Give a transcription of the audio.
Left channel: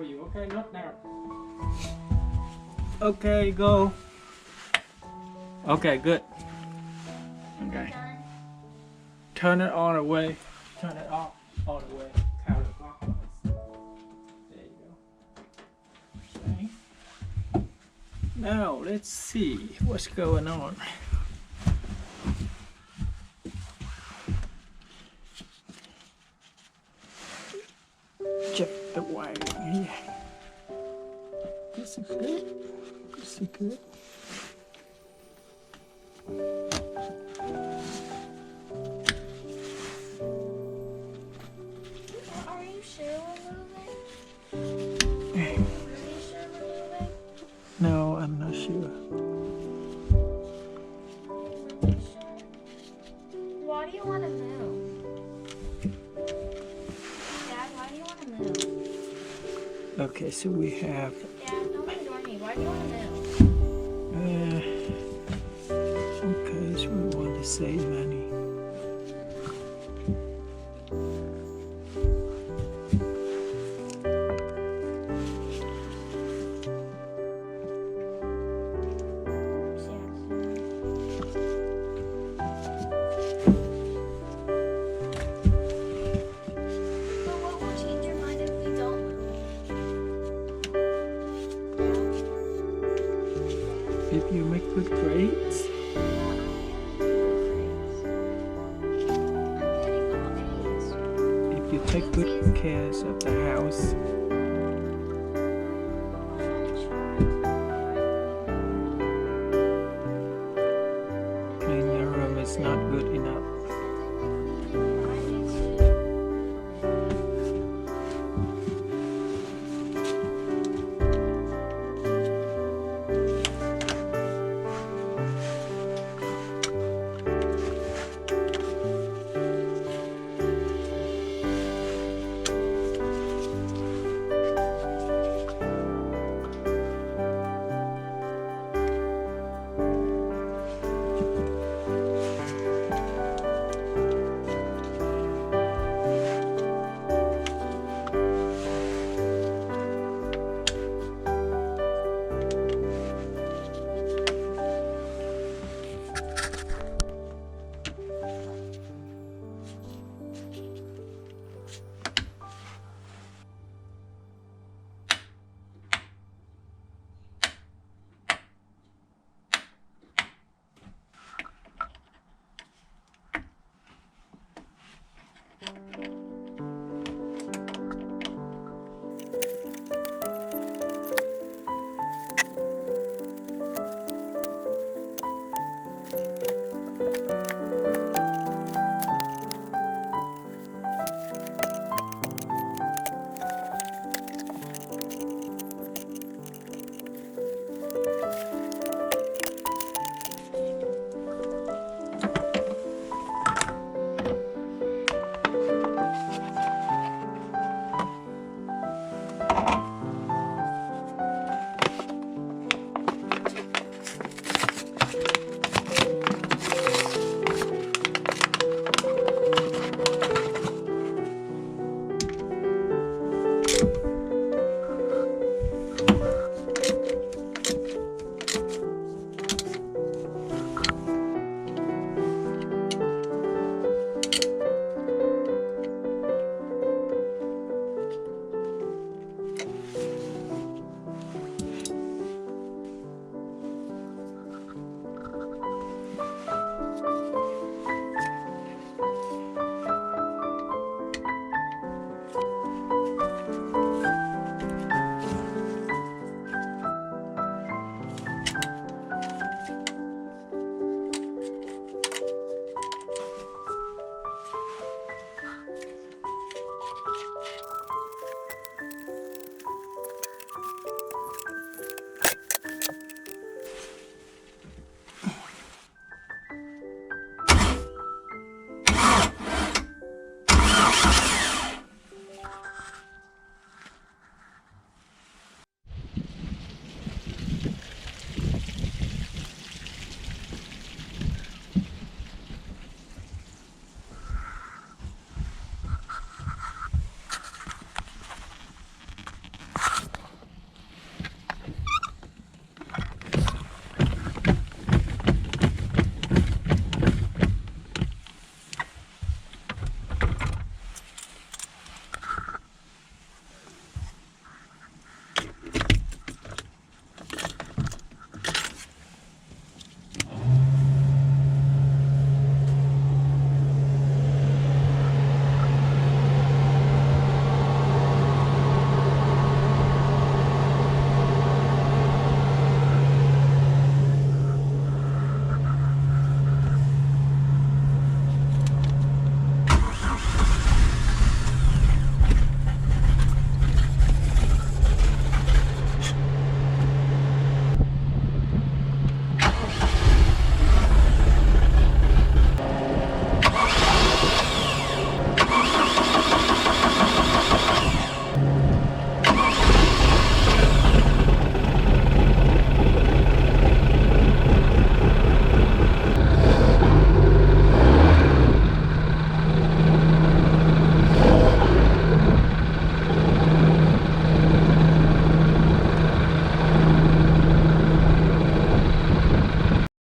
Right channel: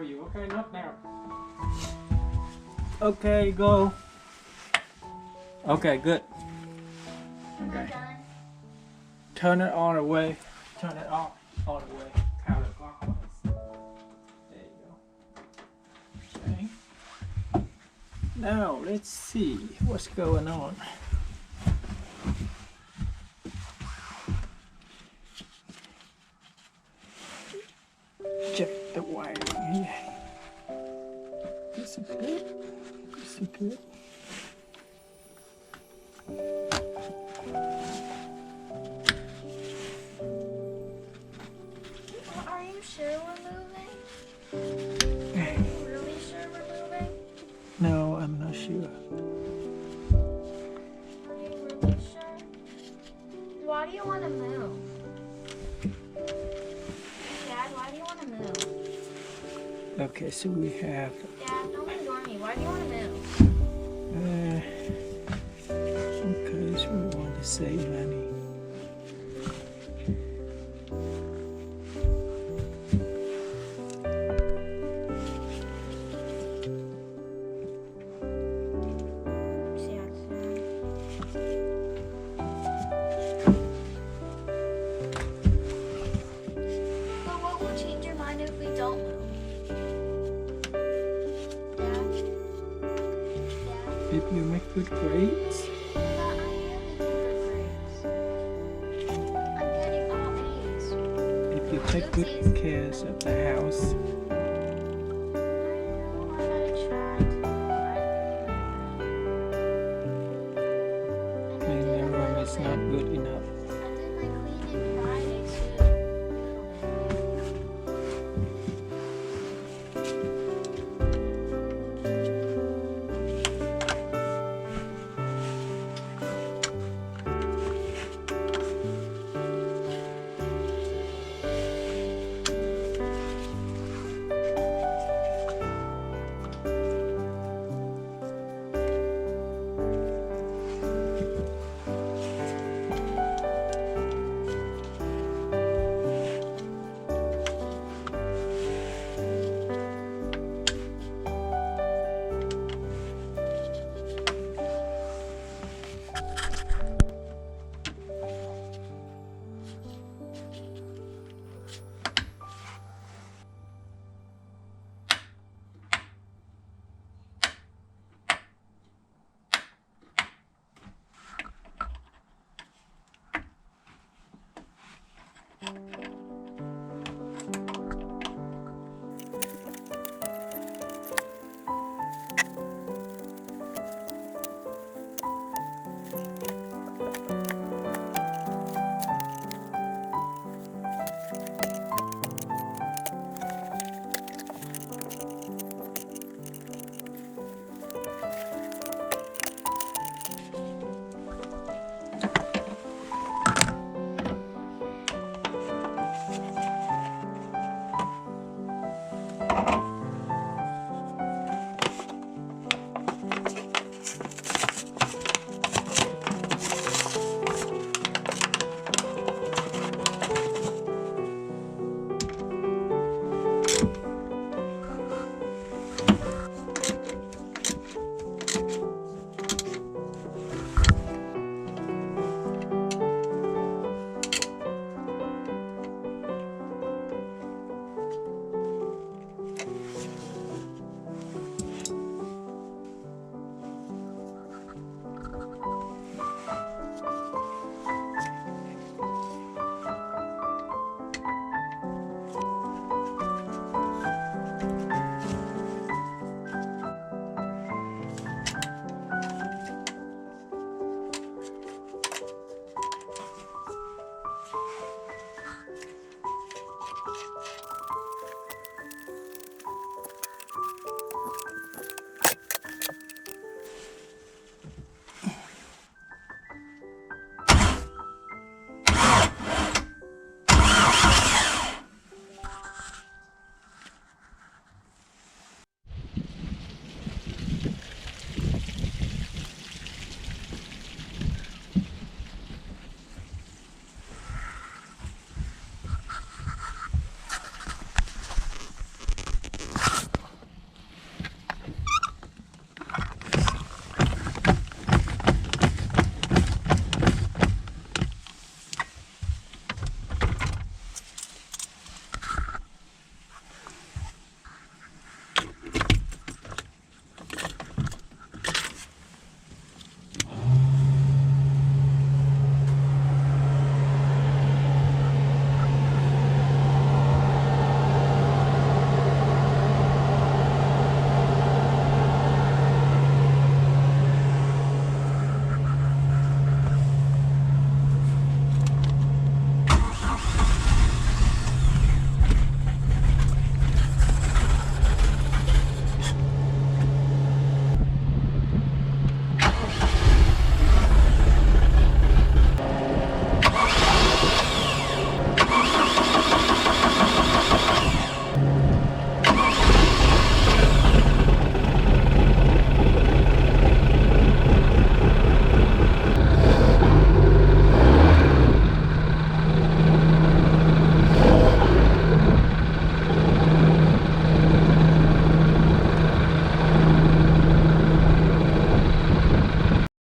tell you. Okay, not now. Okay, go. Okay, good. Okay. Turn it all the way. Turn it off all the way. Counterclockwise. There you go. Okay. Now let's see what's going on. Check the wiring here. This is good. This is good. Are you sure we're moving? Are you really sure we're moving? No, I'm not sure. Are you really sure? Why do you want to move? Dad, why do you want to move? Okay, so we have Dad, don't ignore me. Why do you want to move? okay, so we want to save money. But what will change your mind if we don't move? Dad? Dad? If you make good grades, But I am making good grades. I'm getting all A's. if you take good care of the house,